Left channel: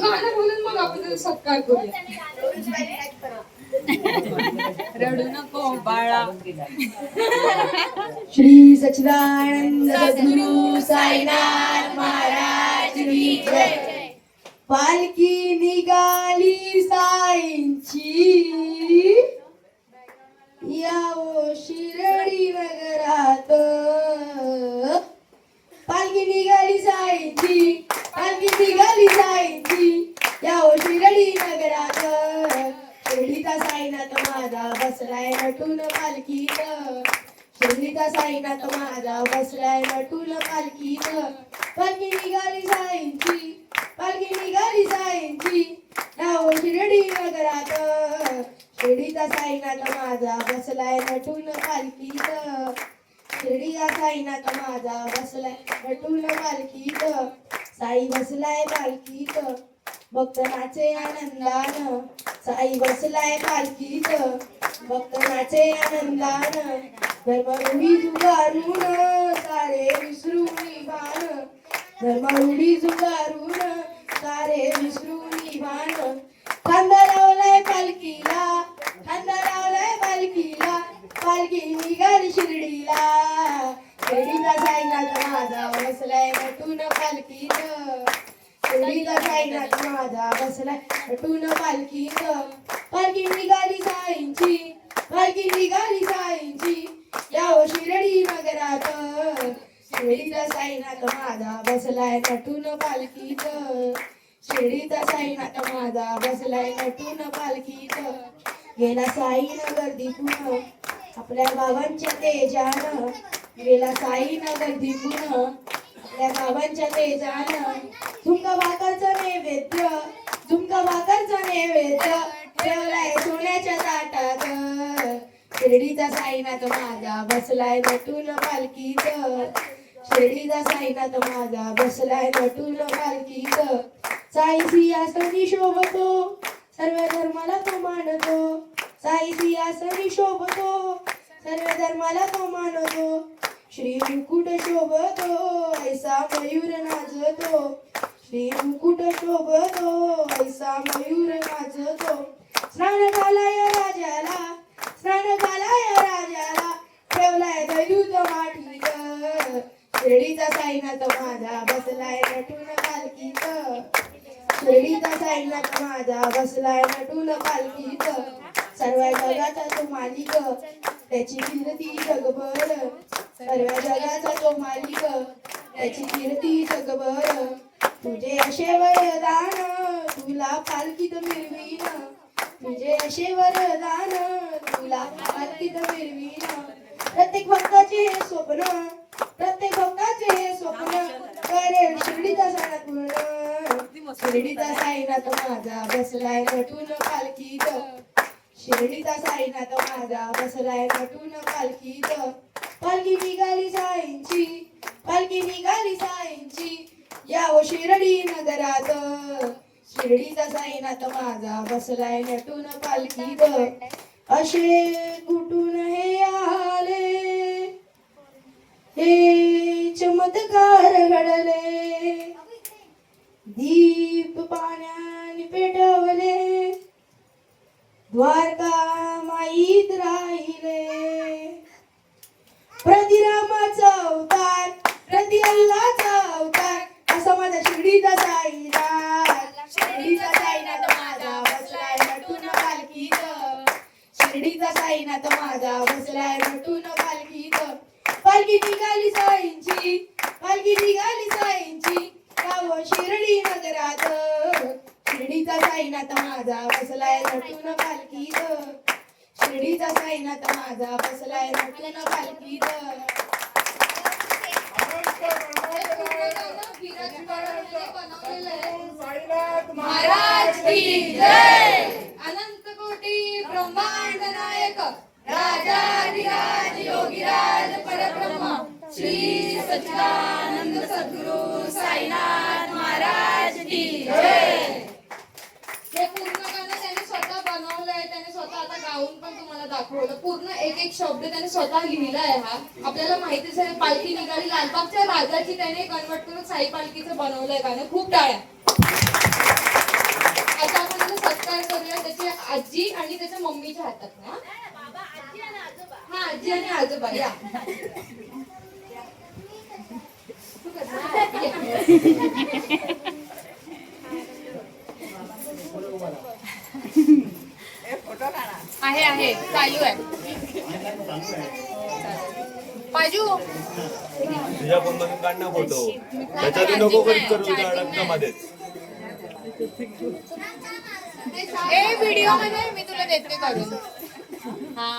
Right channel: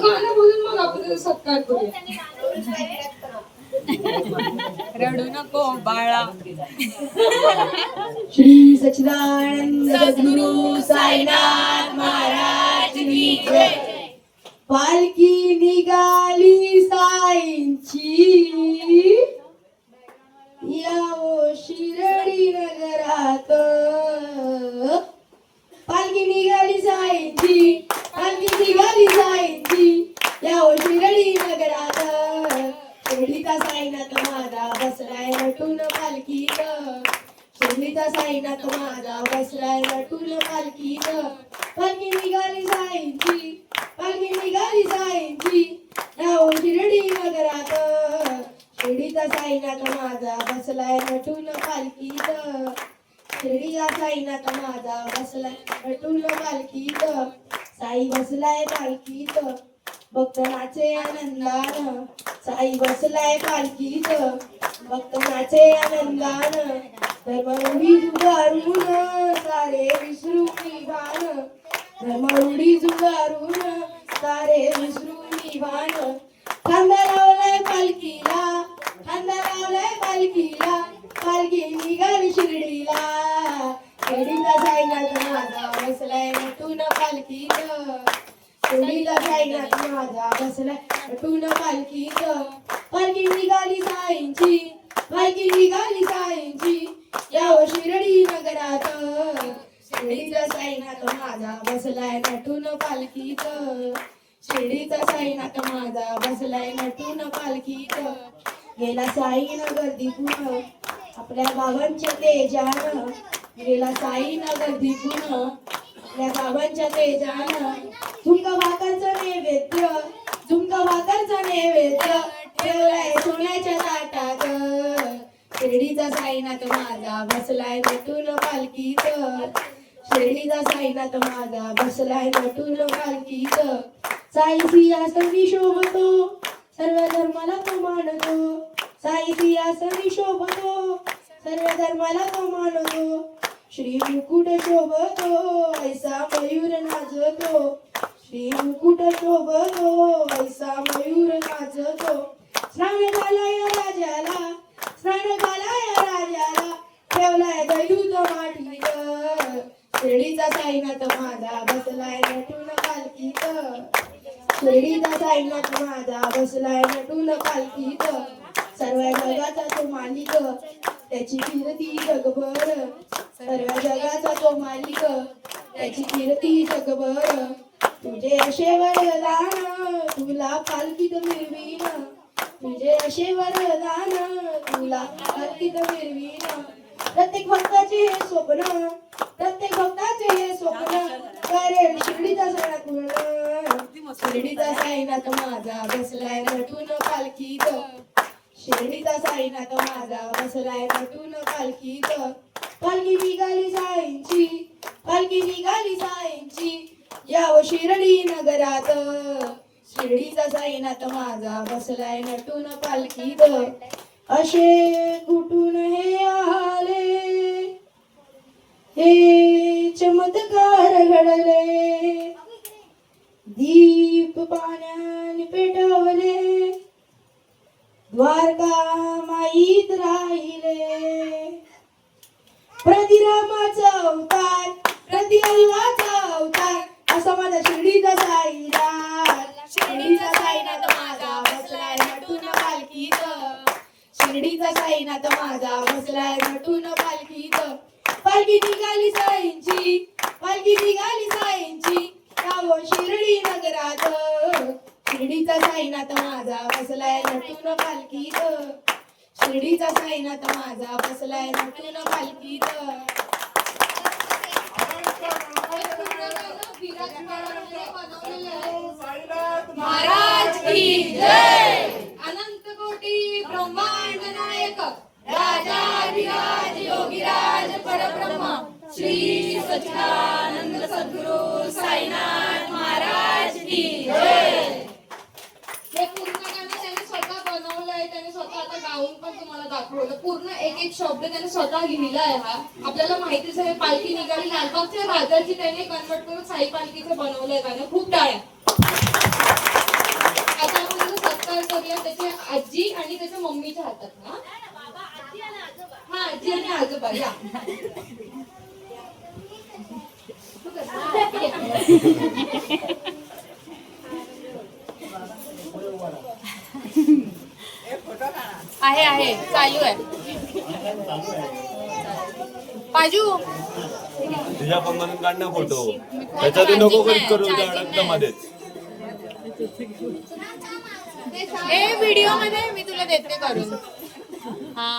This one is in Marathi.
गाणं बोलून मग आपण सत्कार करूया. रडू नको बाळा. श्री सच्चिदानंद सद्गुरु साईनाथ महाराज की जय. पालखी निघाली साईंची, यावो शिर्डी नगरात. पालखी निघाली साईंची, पालखी निघाली साईंची, यावो शिर्डी नगरात. शिर्डीचा साईनाथ माझा बसलाय नटून पालखीत. शिर्डीचा साईनाथ माझा बसलाय नटून पालखीत. पालखी निघाली साईंची, पालखी निघाली साईंची, यावो शिर्डी नगरात. शिर्डीचा साईनाथ माझा बसलाय नटून पालखीत. शिर्डीचा साईनाथ माझा बसलाय नटून पालखीत. साई बसलाय पालखीत, भक्त नाचे आनंदान. साई बसलाय पालखीत, भक्त नाचे आनंदान. धर्मरूढी जुगारून सारे विसरून भान. धर्मरूढी जुगारून सारे विसरून भान. खांदा लावलाय पालखीला, खांदा लावलाय पालखीला, पालखी निघाली शिर्डीला. शिर्डीचा साईनाथ माझा बसलाय नटून पालखीत. शिर्डीचा साईनाथ माझा बसलाय नटून पालखीत. पालखी निघाली साईंची, पालखी निघाली साईंची, यावो शिर्डी नगरात. शिर्डीचा साईनाथ माझा बसलाय नटून पालखीत. शिर्डीचा साईनाथ माझा बसलाय नटून पालखीत. गेला साई नगर दिपून आपल्या बाबांच्या तेजान. गेला साई नगर दिपून आपल्या बाबांच्या तेजान. झुमका भाकरचा नैवेद्य, झुमका भाकरचा नैवेद्य, ठेवलाय सोन्याच्या ताटात. शिर्डीचा साईनाथ माझा बसलाय नटून पालखीत. शिर्डीचा साईनाथ माझा बसलाय नटून पालखीत. साई सिंहासनी शोभतो, सर्व धर्माला तो मानतो. साई सिंहासनी शोभतो, सर्व धर्माला तो मानतो. श्री मुकुट शोभतो, ऐसा मयूर नाचतो. श्री मुकुट शोभतो, ऐसा मयूर नाचतो. स्नान झालाय राजाला, स्नान झालाय राजाला, ठेवलाय दयूत माठीत. शिर्डीचा साईनाथ माझा बसलाय नटून पालखीत. शिर्डीचा साईनाथ माझा बसलाय नटून पालखीत. सर्व जगाचा तो मालिक, त्याची कीर्ती जगभर. सर्व जगाचा तो मालिक, त्याची कीर्ती जगभर. तुझे असे वरदान तुला पालखीत मिरवीन. तुझे असे वरदान तुला पालखीत मिरवीन. प्रत्येक भक्ताचे हे स्वप्न, प्रत्येक भक्ताचे हे स्वप्न, करेल शिर्डीचा साईनाथ पूर्ण. शिर्डीचा साईनाथ माझा बसलाय नटून पालखीत. शिर्डीचा साईनाथ माझा बसलाय नटून पालखीत. पालखी निघाली साईंची, पालखी निघाली साईंची, यावो शिर्डी नगरात. शिर्डीचा साईनाथ माझा बसलाय नटून पालखीत. असे कुठून हे आले, हे चमत्कार घडले. दीप पाण्याने पेटवले, द्वारका माईत राहिले. प्रतिरामाचा अवतार, प्रति अल्लाचा अवतार, असा माझा शिर्डीचा साईनाथ. शिर्डीचा साईनाथ माझा बसलाय नटून पालखीत. शिर्डीचा साईनाथ माझा बसलाय नटून पालखीत. पालखी निघाली साईंची, पालखी निघाली साईंची, यावो शिर्डी नगरात. शिर्डीचा साईनाथ माझा बसलाय नटून पालखीत. शिर्डीचा साईनाथ माझा बसलाय नटून पालखीत. महाराज की जय. अनंत कोटी ब्रह्मांड नायक राजाधिराज योगीराज परब्रह्म श्री सच्चिदानंद सद्गुरु साईनाथ महाराज की जय. हे पूर्ण गाणं त्याने स्वतः बनवलंय, त्याने स्वतः आता गाऊन पण तुम्हाला दाखवलं. पूर्ण एक एक शब्द शब्द त्याने स्वतः लिहिला आहे हा. आपल्याला माहितीच आहे पालखी निघाली लालबागच्या राजाची त्याने कन्वर्ट करून साई पालखीचं बनवलंय गाणं. खूप टाळ्या. आता आपण त्याचा सत्कार करूया त्याची आजी आणि त्याच्या मम्मीच्या हातात ना. हा आजी आणि आजोबा या. आहे चालू आहे. बाजू तुझ्या पण काढ ना फोटो. त्याच्यात नको करीत करू रक्तामध्ये. ए व्हिडिओ मध्ये मी तुला देते करून. हा